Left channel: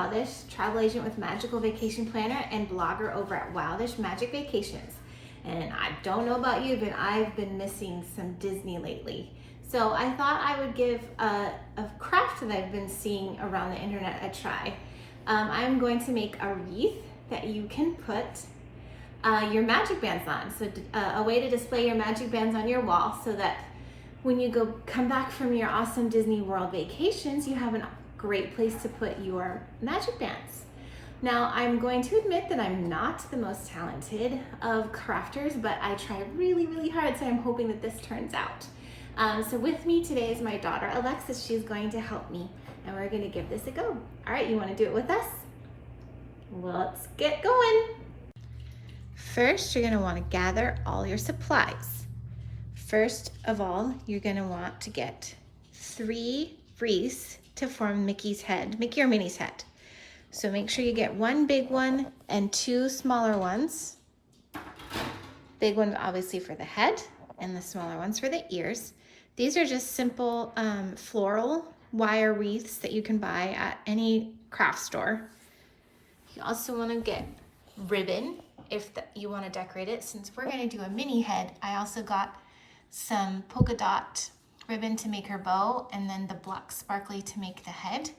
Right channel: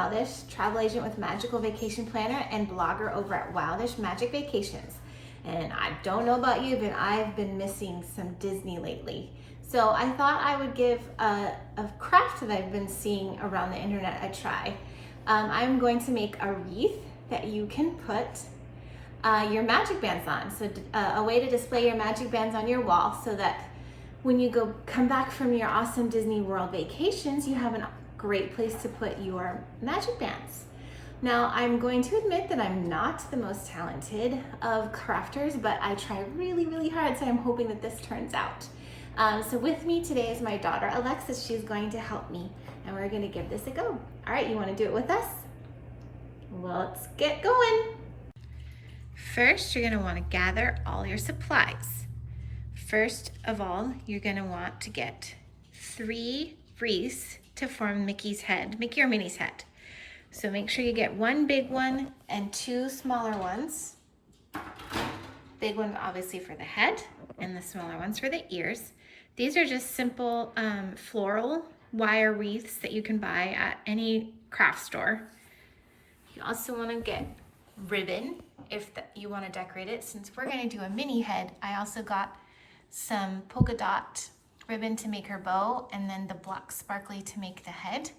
Wildish, travel agent with Magical Vacation Planner and blogger over at Wildish Magic Vacations. And I don't know about you, but I've been missing some Disney lately. So I thought I would give a craft that I've been seeing around the internet a try. I'm going to make a wreath that you can put your magic bands on. So a way to display your magic bands on your wall so that when you come back from your awesome Disney World vacations, you have a great place to put your magic bands. Now, I'm going to admit that I'm not the most talented of crafters, but I try really, really hard, so I'm hoping that this turns out. So with me today is my daughter, Alexis. She's going to help me, and we're gonna give this a go. All right, you wanna do it with us? Let's get going. First, you're gonna wanna gather all your supplies. First of all, you're gonna want to get 3 wreaths to form Mickey's head, Mickey or Minnie's head. So make sure you get 1 big one and 2 smaller ones. Big one obviously for the head and the smaller ones for the ears. These are just simple floral wire wreaths that you can buy at any craft store. You also wanna get ribbon if you wanna decorate it. Since we're gonna do a Minnie head, I also got some polka dot ribbon to make her bow, and then the black sparkly to make the head,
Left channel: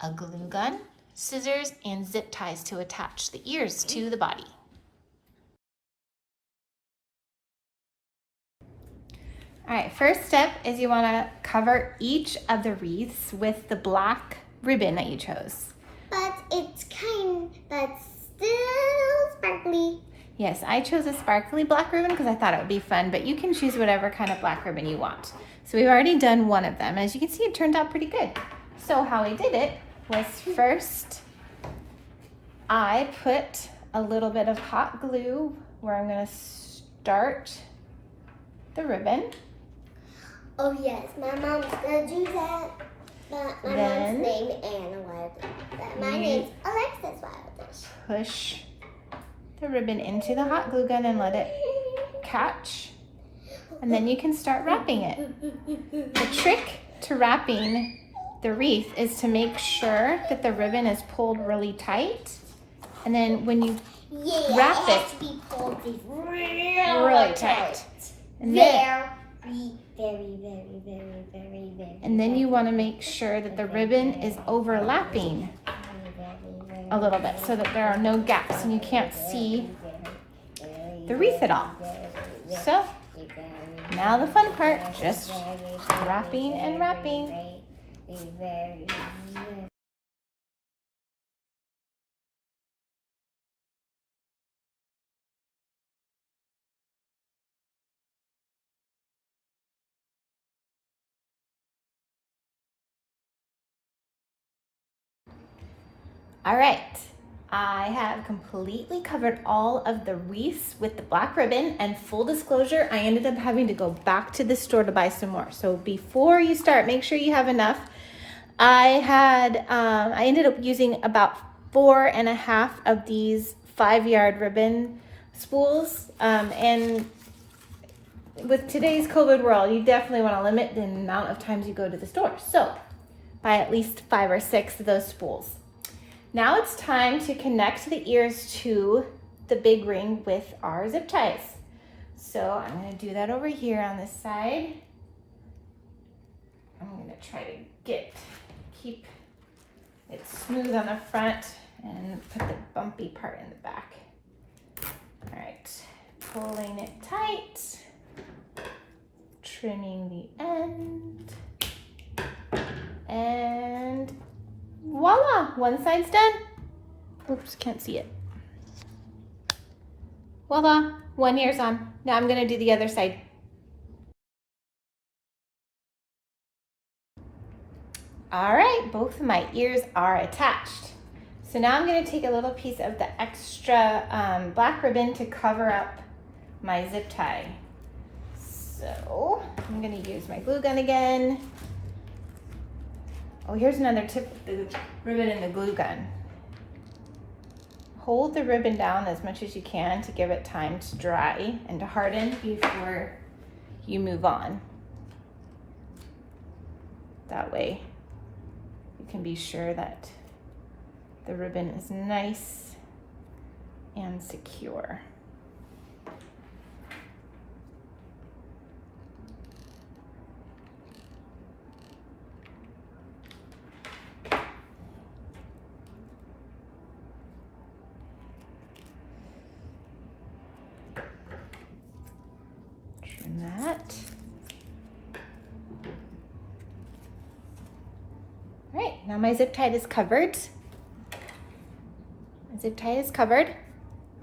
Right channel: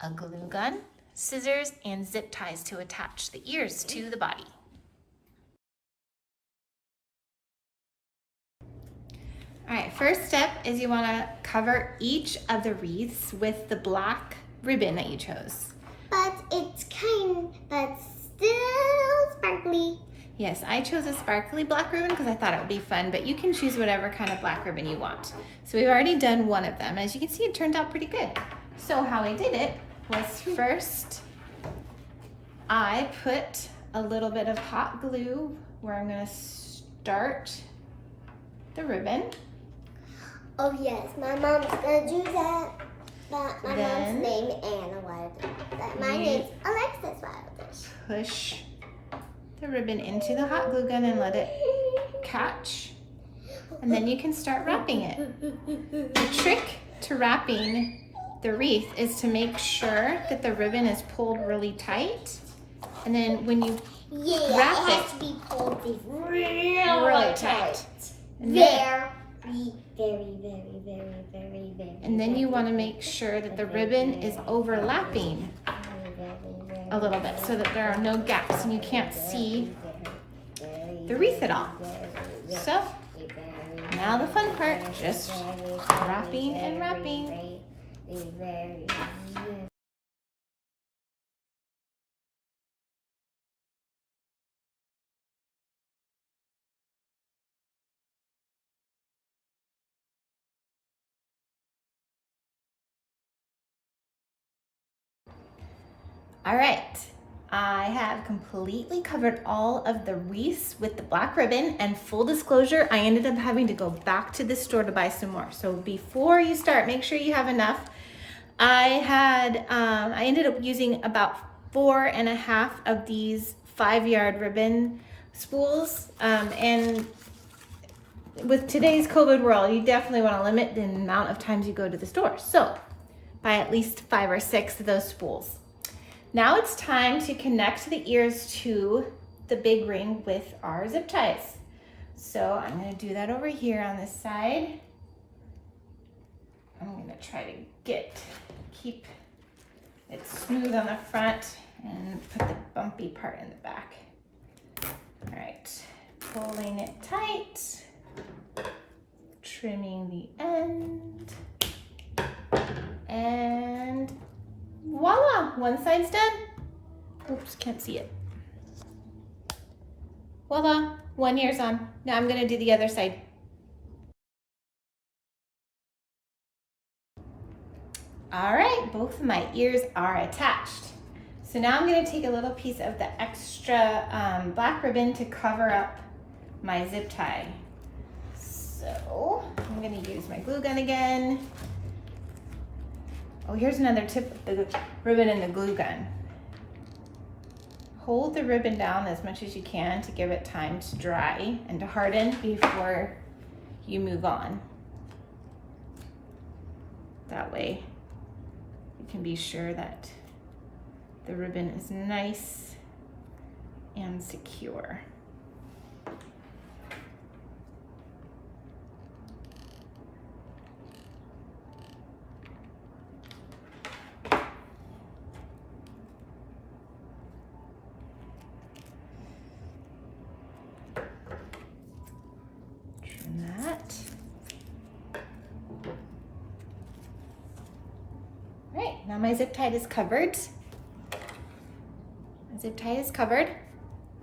a glue gun, scissors, and zip ties to attach the ears to the body. All right, first step is you wanna cover each of the wreaths with the black ribbon that you chose. But still sparkly. Yes, I chose a sparkly black ribbon because I thought it would be fun, but you can choose whatever kind of black ribbon you want. So we've already done one of them. As you can see, it turned out pretty good. So how I did it was first, I put a little bit of hot glue where I'm gonna start the ribbon. Oh yes, my mom's gonna do that. But my mom's name is Anna Wildish. My name's Alexis Wildish. Push the ribbon into the hot glue gun and let it catch, and then you can start wrapping it. The trick to wrapping the wreath is to make sure that the ribbon is pulled really tight, and then when you wrap it has to be pulled really tight. And then you want to make sure that the ribbon is overlapping a little bit so that there are no gaps and you can't see the wreath at all. So now the fun part, just wrapping and wrapping. All right, I have completely covered all of the wreaths with the black ribbon, and full disclosure, I ended up having to go back to the store to buy some more. So before you start, make sure you have enough. I ended up using about 4.5 of these 5-yard ribbon spools, and with today's COVID world, you definitely want to limit the amount of times you go to the store. So buy at least 5 or 6 of those spools. Now it's time to connect the ears to the big ring with our zip ties. So I'm gonna do that over here on this side. I'm gonna try to keep it smooth on the front and put the bumpy part in the back. All right, pulling it tight, trimming the end, and voila, one side's done. Oops, can't see it. Voila, one ear's on. Now I'm gonna do the other side. All right, both of my ears are attached. So now I'm gonna take a little piece of the extra black ribbon to cover up my zip tie. So I'm gonna use my glue gun again. Oh, here's another tip with the ribbon and the glue gun. Hold the ribbon down as much as you can to give it time to dry and to harden before you move on. That way you can be sure that the ribbon is nice and secure. Trim that. All right, now my zip tie is covered. My zip tie is covered.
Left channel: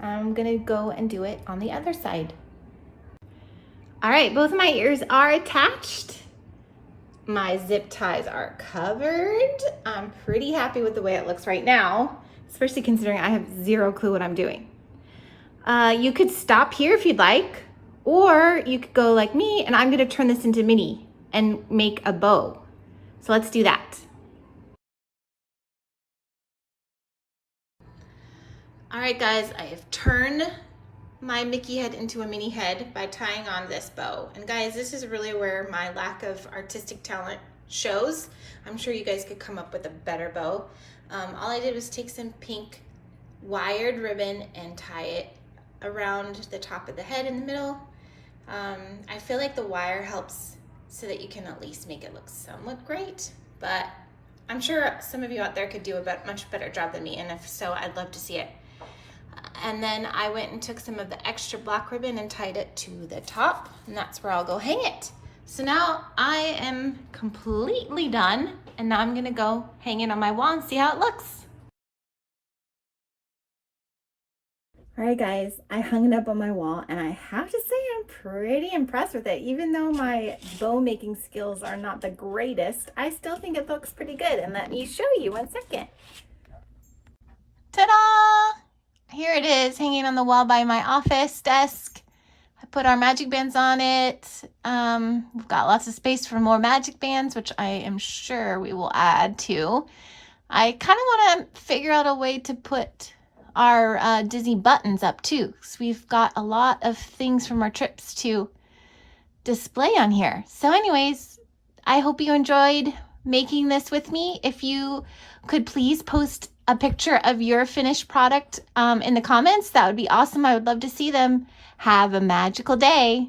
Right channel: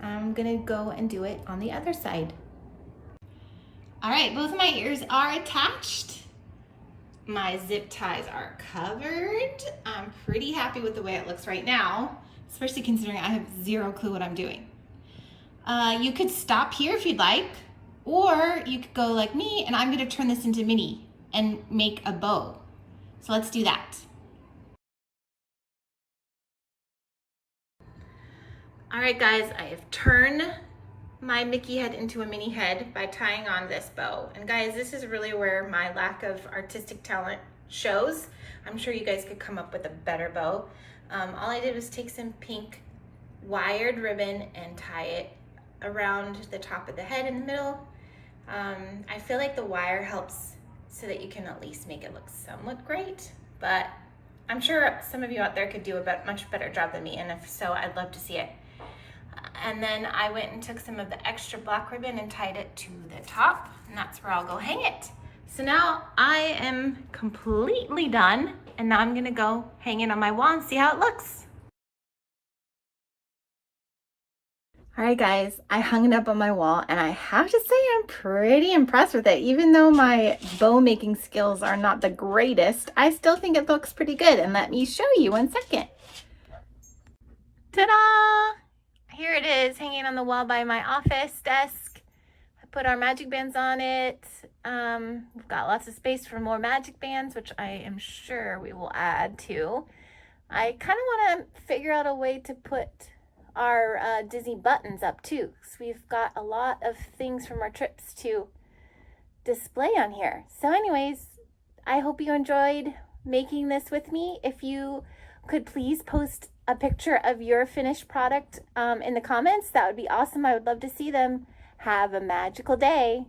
I'm gonna go and do it on the other side. All right, both of my ears are attached. My zip ties are covered. I'm pretty happy with the way it looks right now, especially considering I have zero clue what I'm doing. You could stop here if you'd like, or you could go like me, and I'm gonna turn this into Minnie and make a bow. So let's do that. All right, guys, I have turned my Mickey head into a Minnie head by tying on this bow. And guys, this is really where my lack of artistic talent shows. I'm sure you guys could come up with a better bow. All I did was take some pink wired ribbon and tie it around the top of the head in the middle. I feel like the wire helps so that you can at least make it look somewhat great, but I'm sure some of you out there could do a much better job than me, and if so, I'd love to see it. And then I went and took some of the extra black ribbon and tied it to the top, and that's where I'll go hang it. So now I am completely done, and now I'm gonna go hang it on my wall and see how it looks. All right, guys, I hung it up on my wall, and I have to say I'm pretty impressed with it. Even though my bow making skills are not the greatest, I still think it looks pretty good. And let me show you 1 second. Ta-da! Here it is, hanging on the wall by my office desk. I put our MagicBands on it. We've got lots of space for more MagicBands, which I am sure we will add to. I kind of want to figure out a way to put our Disney buttons up too, because we've got a lot of things from our trips to display on here. So anyways, I hope you enjoyed making this with me. If you could please post a picture of your finished product in the comments, that would be awesome. I would love to see them. Have a magical day.